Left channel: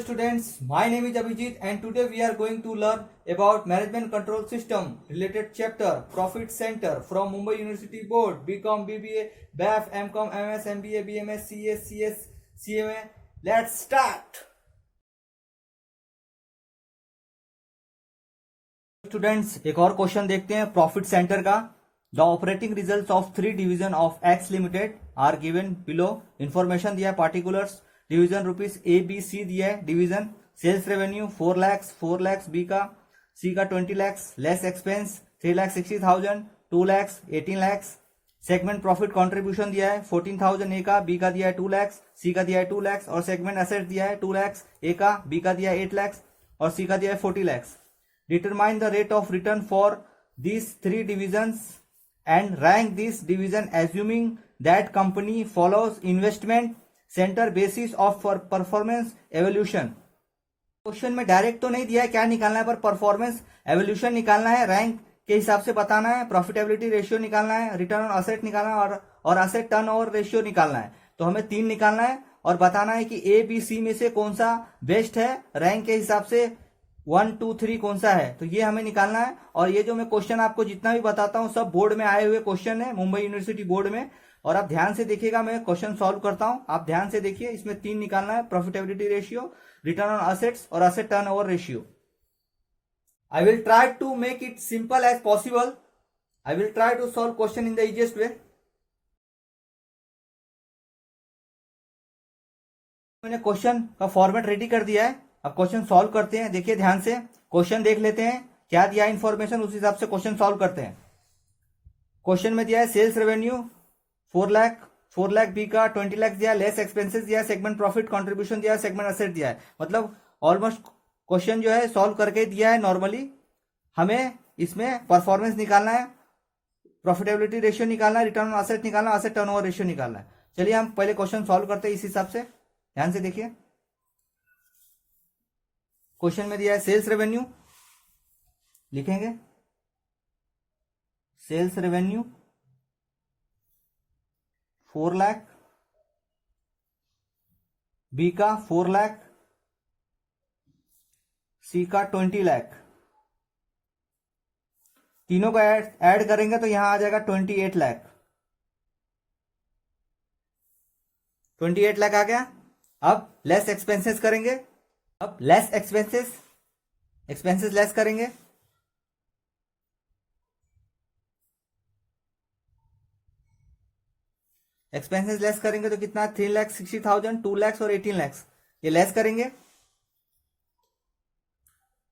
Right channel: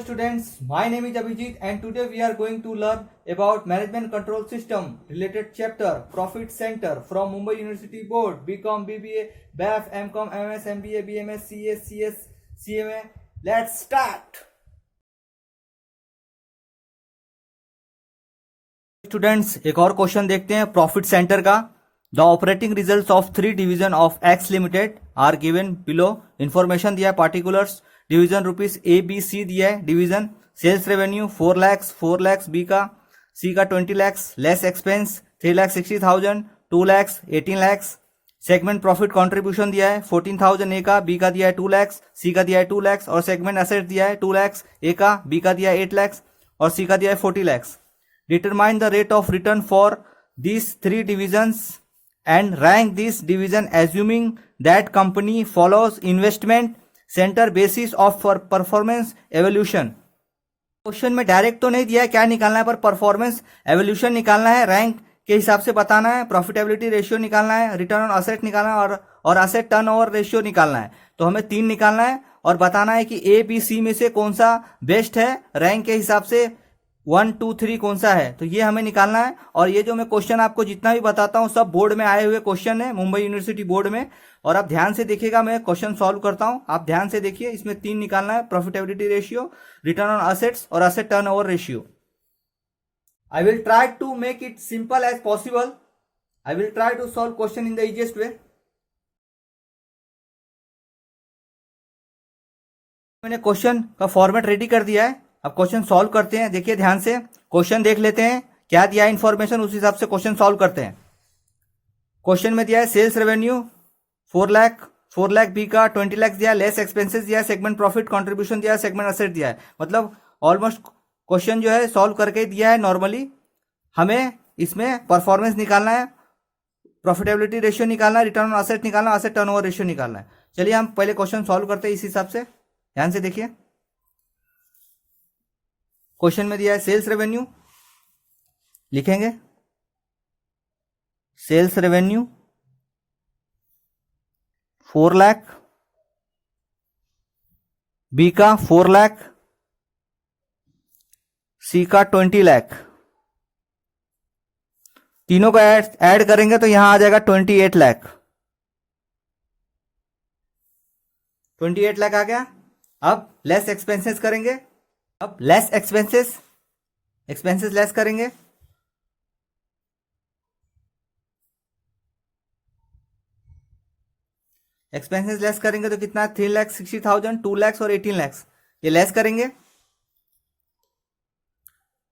students, my name is Abhijit and today we are going to learn about management control system related chapter profit center from Mumbai University Board BCom, BBA, BAF, MCom, MS, MBA, BMS, CS, CS, CMA. Let's start. Students एक और question देखते हैं profit centre का. The operating results of 3 division of X limited are given below. Information दिया है, particulars division rupees A B C दिया है. Division sales revenue 4 lakh B का, सी का 20 lakh, less expense 3,60,000, 2 lakh 18 lakh. Segment profit contribution दिया है 14,000 ए का, बी का दिया है 2 लाख, सी का दिया है 2 लाख और सेगमेंट एसेट दिया है 2 लाख ए का, बी का दिया है 8 लाख और सी का दिया है 40 lakh. Determine the rate of return for these 3 divisions and rank this division assuming that company follows investment center basis of performance evaluation. Question में डायरेक्ट तो नहीं दिया है क्या निकालना है, पर परफॉर्मेंस एवोल्यूशन निकालना है, रैंक के हिसाब से बताना है, प्रॉफिटेबिलिटी रेशियो निकालना है, रिटर्न ऑन असेट निकालना है और असेट टर्नओवर रेशियो निकालना है. तो हमें 3 निकालना है और बताना है कि ए बी सी में से कौन सा बेस्ट है, रैंक के हिसाब से 1 2 3 कौन सा है. तो ये हमें निकालना है. और ये जो मैं क्वेश्चन आपको जितना भी बताता हूँ सब बोर्ड में आए हुए क्वेश्चन है, मुंबई यूनिवर्सिटी बोर्ड में. और आप ध्यान से देखिएगा, मैं क्वेश्चन सॉल्व करता हूँ, आप ध्यान से देखिए. इसमें 3 निकालना है, profitability ratio, return on assets और asset turnover ratio. I will try to make it simple as possible. I will try to solve question in the easiest way. मैंने क्वेश्चन का फॉर्मेट रेडी कर दिया है. अब क्वेश्चन सॉल्व करते हैं. देखिए ध्यान से, क्वेश्चन देख लेते हैं क्या दिया है इंफॉर्मेशन, उस हिसाब से क्वेश्चन सॉल्व करते हैं. क्वेश्चन में दिया है सेल्स रेवेन्यू 4 लाख बी का, 20 लाख दिया है, लेस एक्सपेंसेस दिया है, सेगमेंट प्रॉफिट कंट्रीब्यूशन दिया है, सेगमेंट असेट दिया है. मतलब ऑलमोस्ट क्वेश्चन जो है सॉल्व करके दिया है. नॉर्मली हमें इसमें परफॉर्मेंस निकालना है, प्रॉफिटेबिलिटी रेशियो निकालना है, रिटर्न ऑन असेट निकालना है, असेट टर्नओवर रेशियो निकालना है. चलिए हम पहले क्वेश्चन सॉल्व करते हैं इस हिसाब से. ध्यान से देखिए, क्वेश्चन में दिया है सेल्स रेवेन्यू, लिखेंगे सेल्स रेवेन्यू 4 लाख, बी का 4 लाख, सी का 20 लाख. तीनों का ऐड करेंगे तो यहां आ जाएगा 28 लाख. 28 लाख आ गया. अब लेस एक्सपेंसेस करेंगे. अब लेस एक्सपेंसेस लेस करेंगे. एक्सपेंसेस लेस करेंगे तो कितना, 3,60,000, 2 लाख और 18 लाख. ये लेस करेंगे.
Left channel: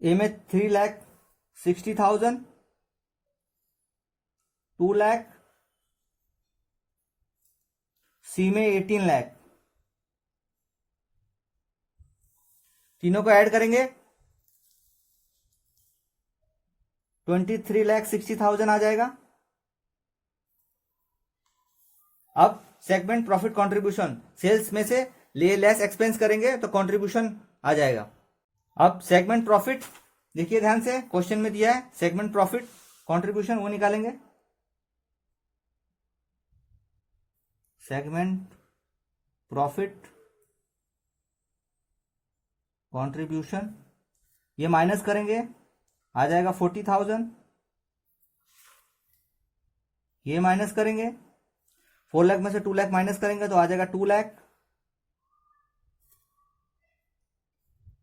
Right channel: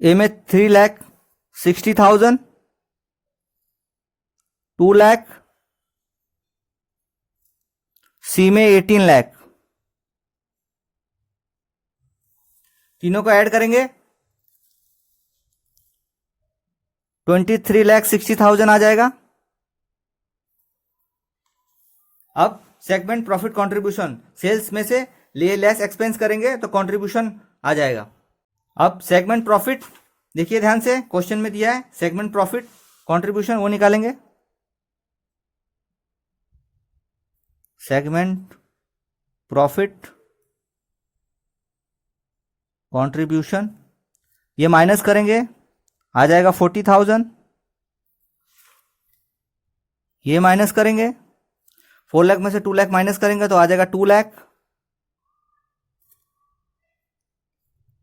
ए में 3,60,000, 2 लाख, सी में 18 लाख. तीनों को ऐड करेंगे 23,60,000 आ जाएगा. अब सेगमेंट प्रॉफिट कंट्रीब्यूशन, सेल्स में से लेस एक्सपेंस करेंगे तो कंट्रीब्यूशन आ जाएगा. अब सेगमेंट प्रॉफिट देखिए ध्यान से, क्वेश्चन में दिया है सेगमेंट प्रॉफिट कंट्रीब्यूशन, वो निकालेंगे. सेगमेंट प्रॉफिट कंट्रीब्यूशन, ये माइनस करेंगे, आ जाएगा 40,000. ये माइनस करेंगे, 4 लाख में से 2 लाख माइनस करेंगे तो आ जाएगा 2 लाख.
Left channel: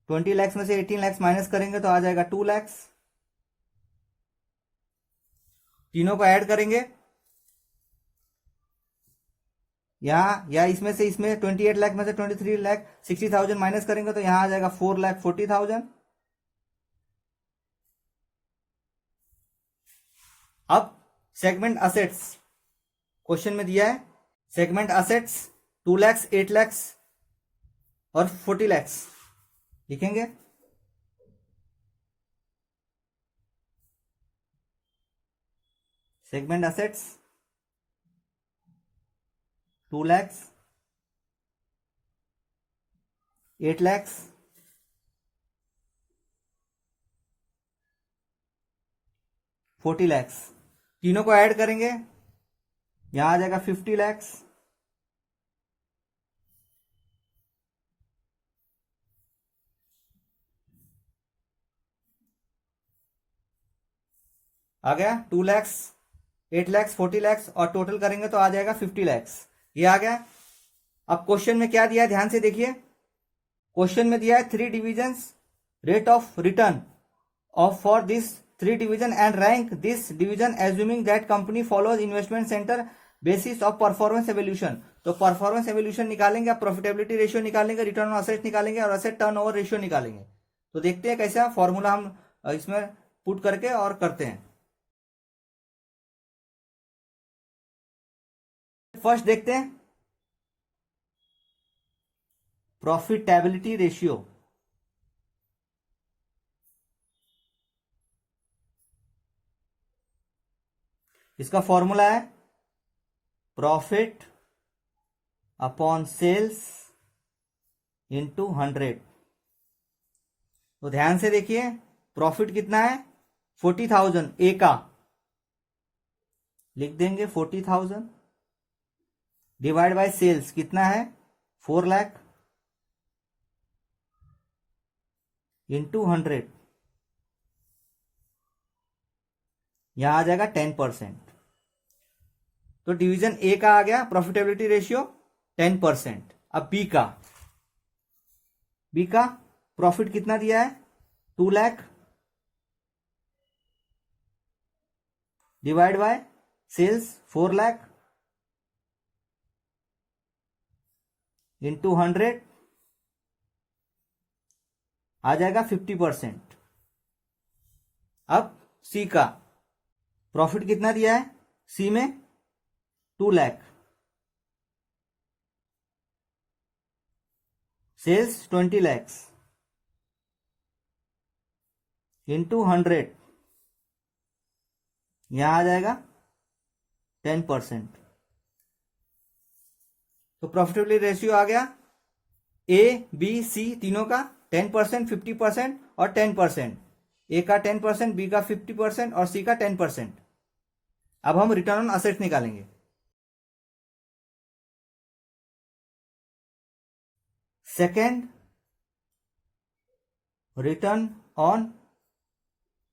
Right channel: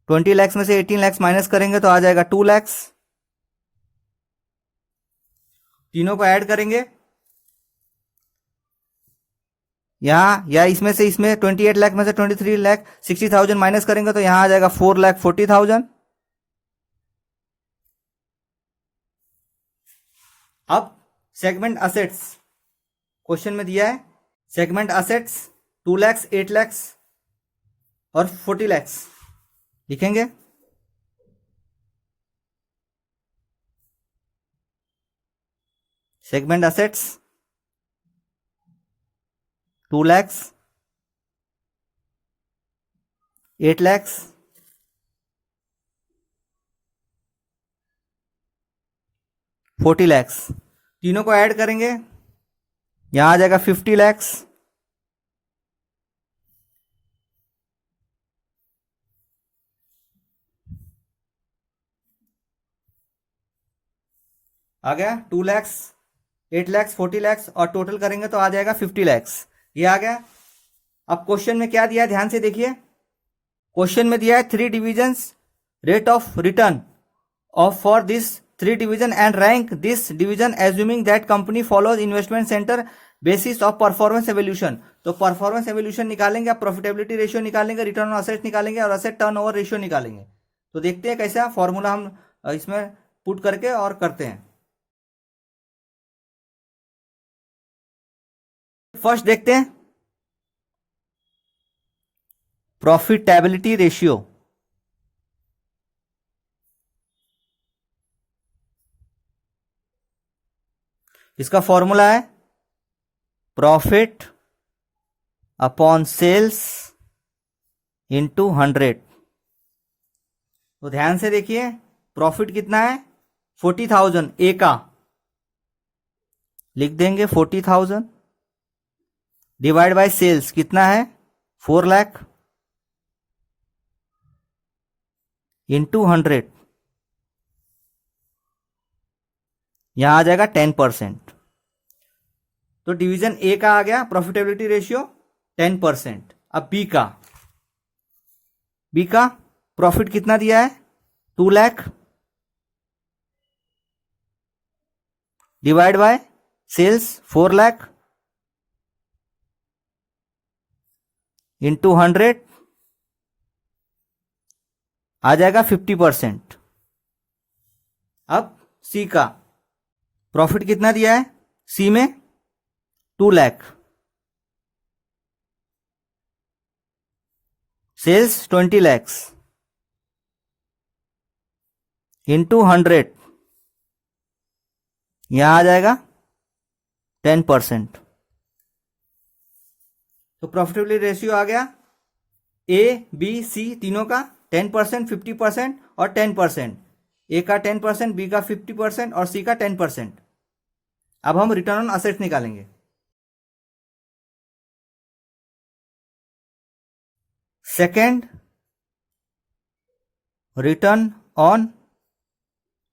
20 लाख में से 18 लाख माइनस करेंगे तो आ जाएगा 2 लाख. तीनों को ऐड करेंगे, यहां या इसमें से इसमें 28 लाख में से 23,60,000 माइनस करेंगे तो यहां आ जाएगा 4,40,000. अब सेगमेंट असेट्स, क्वेश्चन में दिया है सेगमेंट असेट्स 2 लाख, 8 लाख और 40 लाख. लिखेंगे सेगमेंट असेट्स 2 लाख, 8 लाख, 40 लाख. तीनों को ऐड करेंगे, यहां आ जाएगा 50 लाख. आ गया 2 लैक्स, 8 लैक्स, 40 लैक्स और टोटल करेंगे तो आ जाएगा 50 लैक्स। ये आ गया। अब क्वेश्चन में क्या दिया है ध्यान से देखिए। क्वेश्चन में दिया है 3 divisions rate of return of for this 3 division and rank this division assuming that company follows investment centre basis of performance evolution. तो परफॉर्मेंस एवोल्यूशन निकालेंगे, आप प्रॉफिटेबिलिटी रेशियो निकालेंगे, रिटर्न ऑन असेट निकालेंगे और असेट टर्नओवर रेशियो निकालेंगे। तो देखते हैं कैसा फॉर्मूला हम इसमें पुट करके और करते हैं। फर्स्ट देखते हैं प्रॉफिटेबिलिटी रेशियो। इसका फॉर्मूला है प्रॉफिट अपॉन सेल्स इंटू 100। तो ध्यान से देखिए प्रॉफिट कितना है 40,000 ए का, लिख देंगे 40,000 डिवाइड बाय सेल्स कितना है 4 लाख इंटू 100, यहां आ जाएगा 10%। तो डिवीजन ए का आ गया प्रॉफिटेबिलिटी रेशियो 10%। अब बी का प्रॉफिट कितना दिया है 2 lakh divide by sales 4 lakh into 100, आ जाएगा 50%। अब सी का प्रॉफिट कितना दिया है सी में 2 लाख, सेल्स 20 लैक्स इंटू 100, यहां आ जाएगा 10%। तो प्रॉफिटेबिलिटी रेशियो आ गया ए बी सी तीनों का 10%, 50% और 10%। ए का 10%, बी का 50% और सी का 10%। अब हम रिटर्न ऑन असेट्स निकालेंगे। सेकेंड रिटर्न ऑन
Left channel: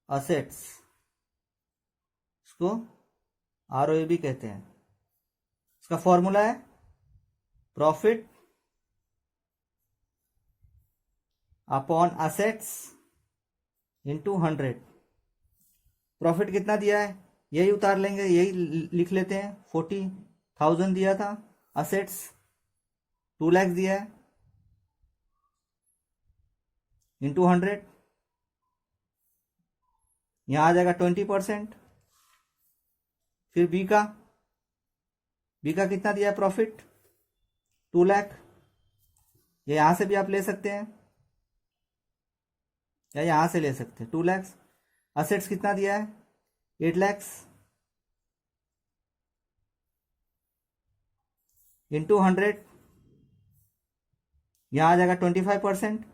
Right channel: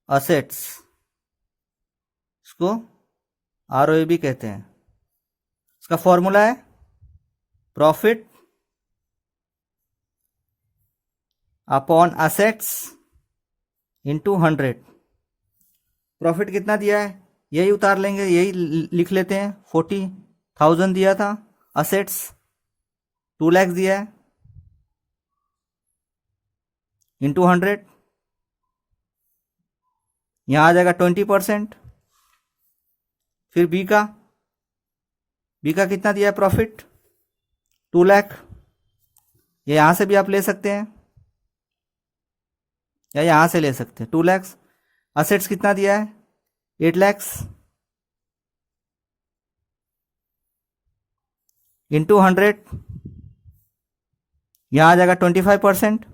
असेट्स, इसको आरओए भी कहते हैं। इसका फॉर्मूला है profit upon assets into 100। Profit कितना दिया है यही उतार लेंगे, यही लिख लेते हैं 40,000 दिया था, असेट्स 2 लाख दिया है इंटू 100, यहां आ जाएगा 20%। फिर बी का कितना दिया है प्रॉफिट 2 लाख, ये यहां से भी आप ले सकते हैं या यहां से ले सकते हैं 2 लाख। असेट्स कितना दिया है 8 लाख इंटू 100, यहां आ जाएगा 25%।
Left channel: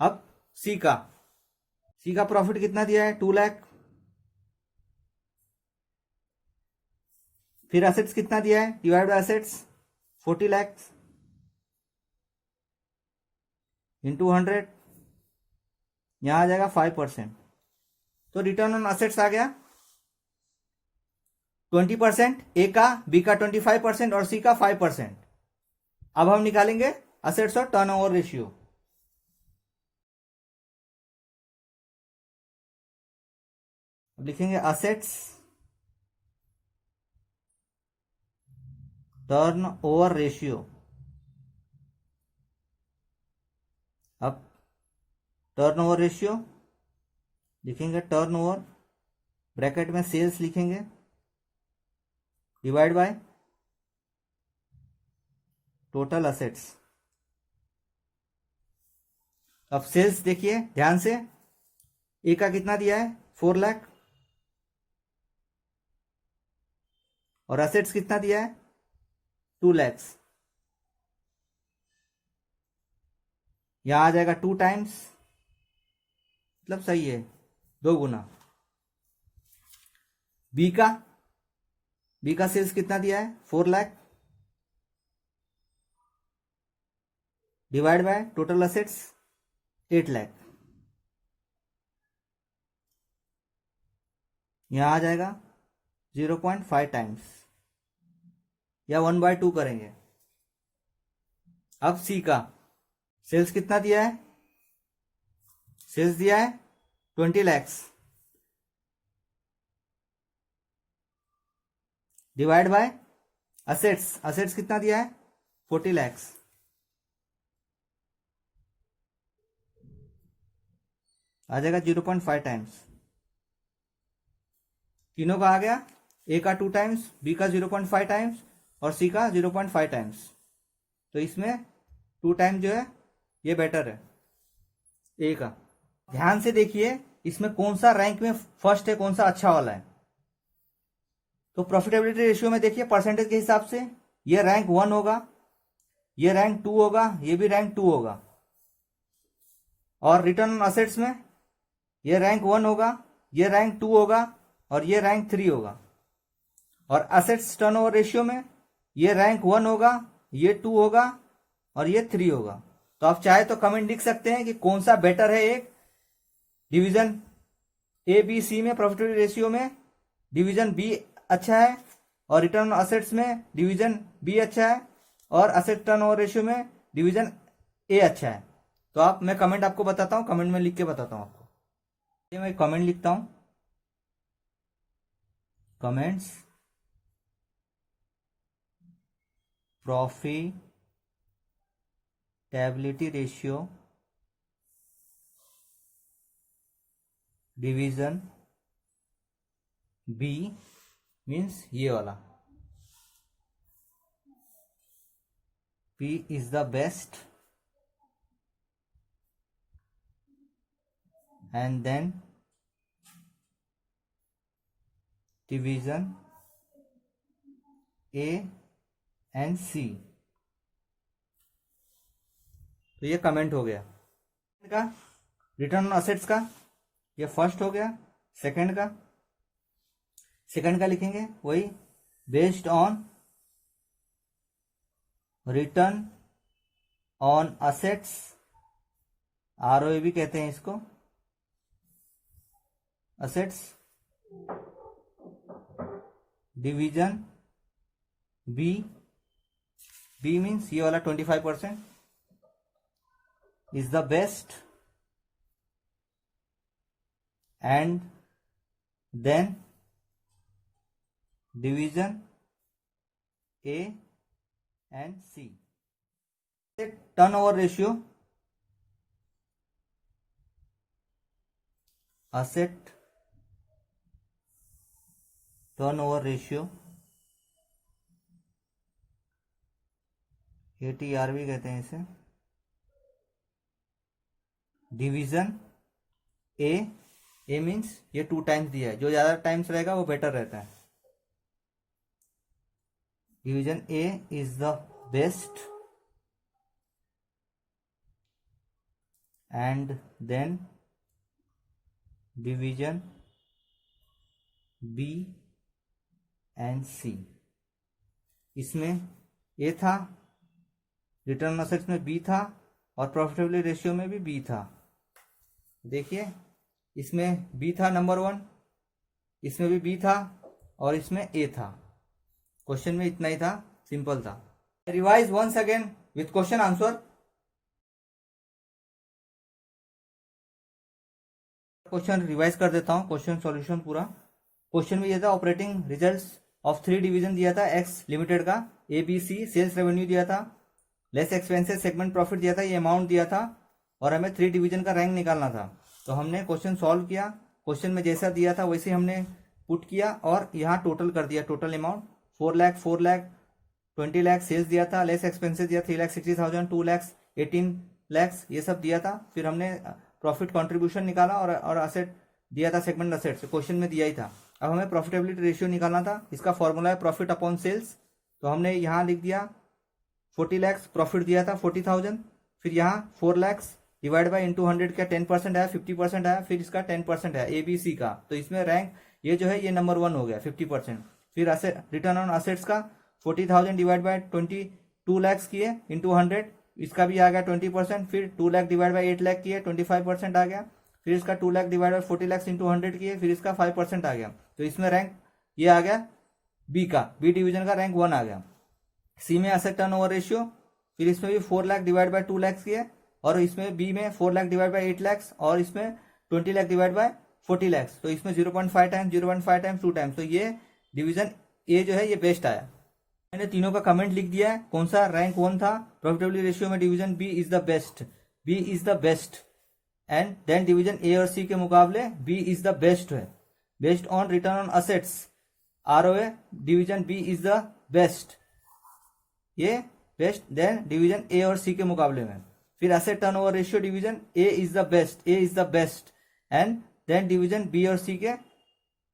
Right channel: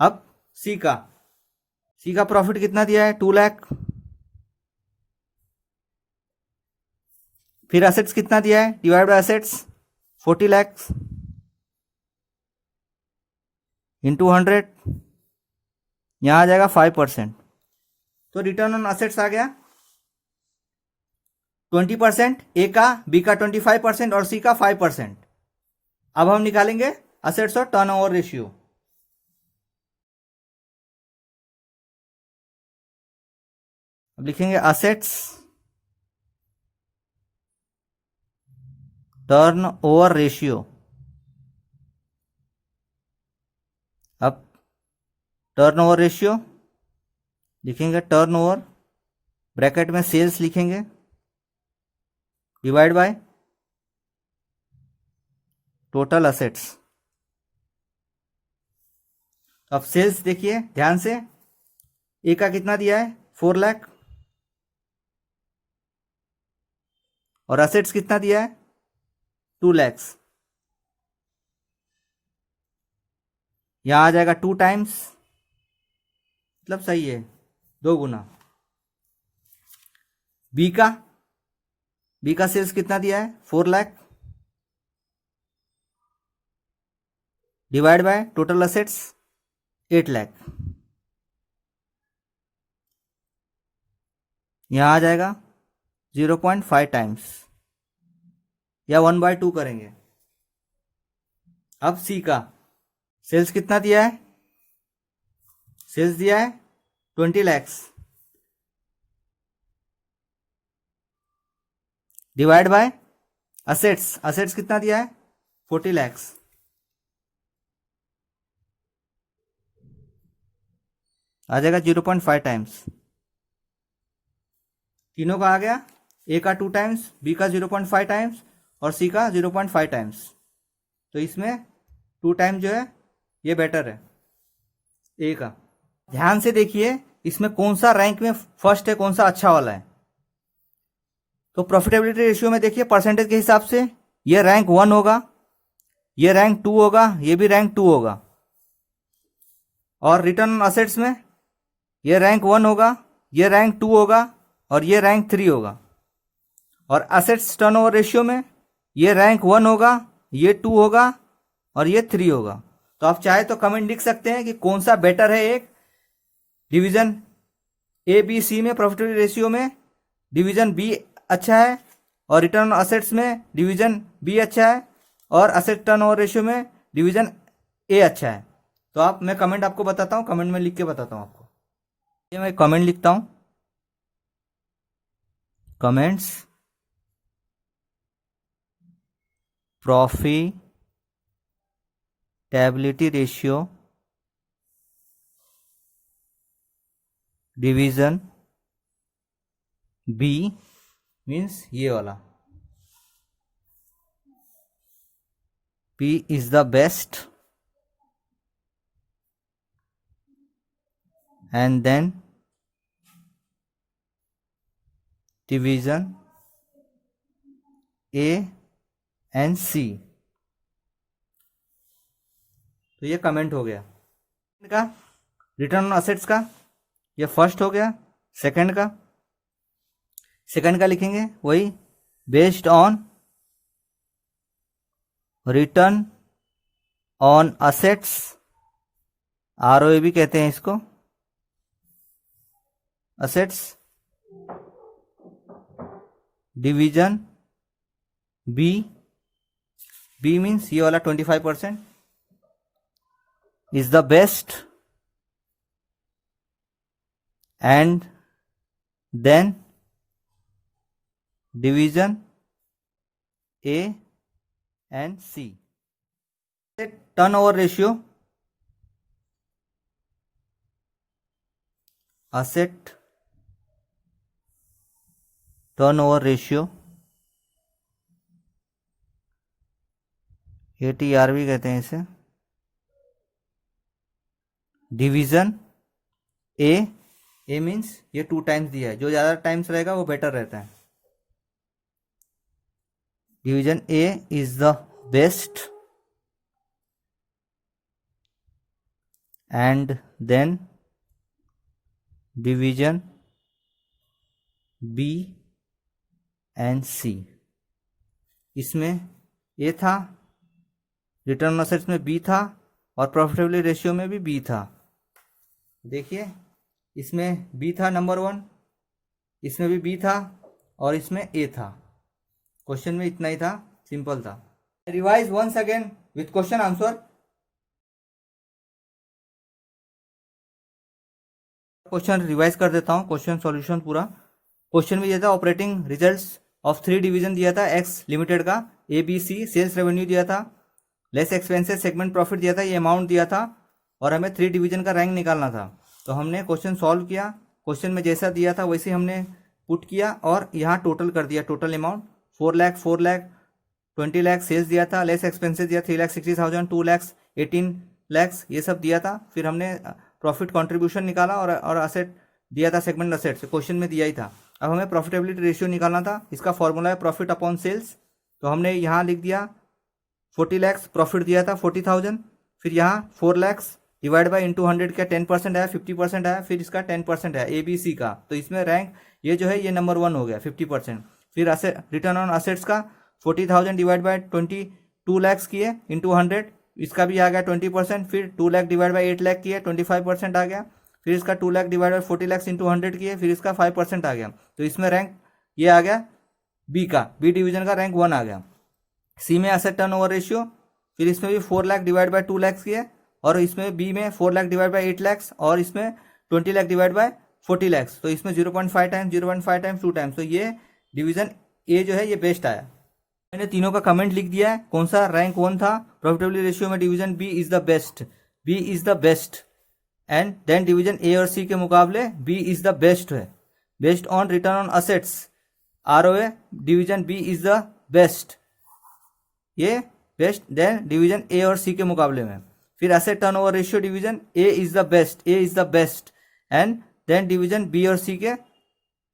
अब सी का प्रॉफिट कितना दिया है 2 लाख, फिर असेट्स कितना दिया है divide by assets 40 lakh into 100, यहां आ जाएगा 5%। तो रिटर्न ऑन असेट्स आ गया 20%, ए का बी का 25% और सी का 5%। अब हम निकालेंगे असेट्स और टर्नओवर रेशियो। अब लिखेंगे असेट्स टर्नओवर रेशियो। अब टर्नओवर रेशियो लिखेंगे, टर्नओवर ब्रैकेट में सेल्स लिखेंगे डिवाइड बाय टोटल असेट्स। अब सेल्स देखिए ध्यान से, ए का कितना दिया है 4 लाख और असेट्स कितना दिया है 2 लाख, यहां आ जाएगा 2 टाइम्स, मतलब सही है 2 गुना। बी का सेल्स कितना दिया है 4 lakh divide by total assets 8 lakh, यहाँ आ जाएगा 0.5 टाइम्स या 1/2 करेंगे। अब सी का सेल्स कितना दिया है, सेल्स दिया है 20 lakhs divide by assets, assets कितना दिया है 40 lakhs, आ जाएगा 0.5 टाइम्स। तीनों का आ गया, ए का 2 टाइम्स, बी का 0.5 टाइम्स और सी का 0.5 टाइम्स। तो इसमें 2 टाइम्स जो है ये बेटर है ए का। ध्यान से देखिए इसमें कौन सा रैंक में फर्स्ट है, कौन सा अच्छा वाला है। तो प्रॉफिटेबिलिटी रेशियो में देखिए परसेंटेज के हिसाब से ये रैंक 1 होगा, ये रैंक 2 होगा, ये भी रैंक 2 होगा। और रिटर्न ऑन असेट्स में ये रैंक 1 होगा, ये रैंक 2 होगा और ये रैंक 3 होगा। और असेट्स टर्नओवर रेशियो में ये रैंक 1 होगा, ये 2 होगा और ये 3 होगा। तो आप चाहे तो कमेंट लिख सकते हैं कि कौन सा बेटर है। एक डिवीजन ए बी सी में प्रॉफिटेबिलिटी रेशियो में डिवीजन बी अच्छा है और रिटर्न ऑन असेट्स में डिवीजन बी अच्छा है और असेट टर्नओवर रेशियो में डिवीजन ए अच्छा है। तो आप, मैं कमेंट आपको बताता हूं, कमेंट में लिख के बताता हूं आपको। ये मैं कमेंट लिखता हूं, comments profitability ratio division B means ये वाला, P is the best and then division A and C। तो ये कमेंट हो गया का। रिटर्न ऑन असेट्स का ये फर्स्ट हो गया। सेकंड का लिखेंगे वही, based on return on assets, ROA भी कहते हैं इसको, assets division B, B means ये वाला 25% is the best and then division A and C. Turnover ratio, asset turnover ratio, ATR भी कहते हैं इसे, डिवीजन ए मीन्स ये 2 टाइम्स दिया है, जो ज्यादा टाइम्स रहेगा वो बेटर रहता है। Division A is the best and then division B and C. इसमें ए था, रिटर्न ऑन असेट्स में बी था और प्रॉफिटेबिलिटी रेशियो में भी बी था। देखिए इसमें बी था नंबर 1, इसमें भी बी था और इसमें ए था। क्वेश्चन में इतना ही था, सिंपल था। Revise once again with question answer. Question revise कर देता हूं, क्वेश्चन सॉल्यूशन पूरा। क्वेश्चन में यह था ऑपरेटिंग रिजल्ट्स ऑफ 3 डिवीजन दिया था एक्स लिमिटेड का, ABC, सेल्स रेवेन्यू दिया था, लेस एक्सपेंसेस सेगमेंट प्रॉफिट दिया था, ये अमाउंट दिया था और हमें 3 डिवीजन का रैंक निकालना था। तो हमने क्वेश्चन सॉल्व किया, क्वेश्चन में जैसा दिया था वैसे हमने पुट किया और यहाँ टोटल कर दिया। Total amount 4 lakh, 4 lakh, 20 lakh sales दिया था, लेस एक्सपेंसेस दिया 3,60,000, 2 लाख, 18 लाख ये सब दिया था। फिर हमने प्रॉफिट कंट्रीब्यूशन निकाला और असेट दिया था, सेगमेंट असेट क्वेश्चन में दिया ही था। अब हमें प्रॉफिटेबिलिटी रेशियो निकालना था, इसका फॉर्मूला है प्रॉफिट अपॉन सेल्स। तो हमने यहाँ लिख दिया 40 लाख प्रॉफिट दिया था 40,000, फिर यहाँ 4 लाख डिवाइड बाई इंटू 100 का 10% आया, 50% आया, फिर इसका 10% है ABC का। तो इसमें रैंक ये जो है ये नंबर 1 हो गया 50%। फिर रिटर्न ऑन असेट्स का 40,000 डिवाइड बाई 22 लाख किए इंटू 100, इसका भी आ गया 20%। फिर 2 लाख डिवाइड बाई 8 लाख किए 25% आ गया। फिर इसका 2 lakh divide bye 40 lakh into 100 किए, फिर इसका 5% आ गया, तो इसमें रैंक ये आ गया बी का, बी डिवीजन का रैंक 1 आ गया। सी में एसेट टर्नओवर रेशियो, फिर इसमें भी 4 लाख डिवाइड बाय 2 लाख किए, और इसमें बी में 4 लाख डिवाइड बाय 8 लाख, और इसमें 20 लाख डिवाइड बाय 40 लाख, तो इसमें 0.5 टाइम्स 0.5 टाइम्स 2 टाइम्स, तो ये डिवीजन ए जो है ये बेस्ट आया। मैंने तीनों का कमेंट लिख दिया है, कौन सा रैंक 1 था। प्रॉफिटेबिलिटी रेशियो में division B is the best, B is the best, and then division A और सी के मुकाबले बी इज द बेस्ट है। Based on return on assets ROA division B is the best, ये best then division A और C के मुकाबले में। फिर asset turnover ratio division A is the best, A is the best, and then division B और C के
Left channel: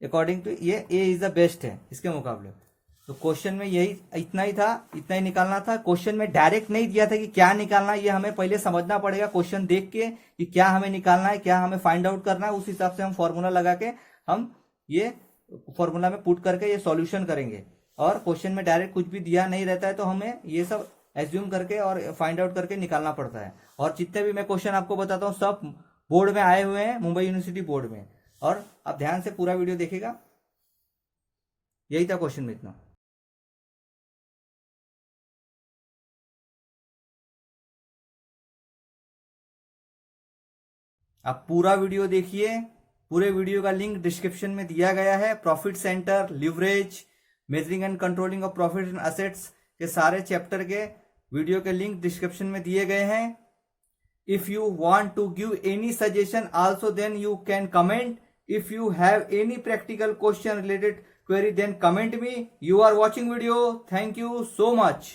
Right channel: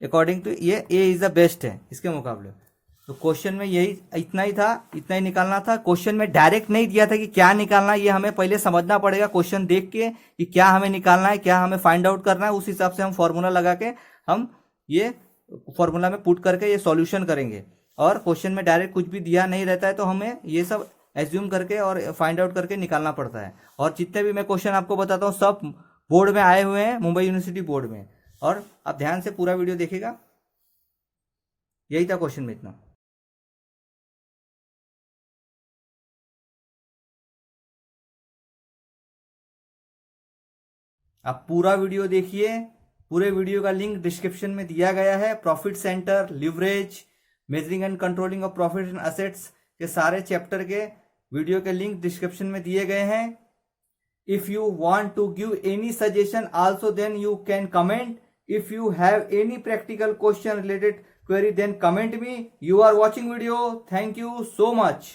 according to ये ए is the best है इसके मुकाबले। तो क्वेश्चन में यही इतना ही था, इतना ही निकालना था। क्वेश्चन में डायरेक्ट नहीं दिया था कि क्या निकालना है, ये हमें पहले समझना पड़ेगा क्वेश्चन देख के कि क्या हमें निकालना है, क्या हमें फाइंड आउट करना है, उस हिसाब से हम फॉर्मूला लगा के हम ये फॉर्मूला में पुट करके ये सॉल्यूशन करेंगे। और क्वेश्चन में डायरेक्ट कुछ भी दिया नहीं रहता है तो हमें ये सब एज्यूम करके और फाइंड आउट करके निकालना पड़ता है। और जितने भी मैं क्वेश्चन आपको बताता हूँ सब बोर्ड में आए हुए हैं, मुंबई यूनिवर्सिटी बोर्ड में, और आप ध्यान से पूरा वीडियो देखिएगा। यही था क्वेश्चन में इतना। आप पूरा वीडियो देखिए, पूरे वीडियो का लिंक डिस्क्रिप्शन में दिया गया है। Profit centre, leverage, measuring and controlling of profit and assets के सारे चैप्टर के वीडियो के लिंक डिस्क्रिप्शन में दिए गए हैं। If you want to give any suggestion also then you can comment. If you have any practical question related query then comment me. You are watching video. Thank you so much.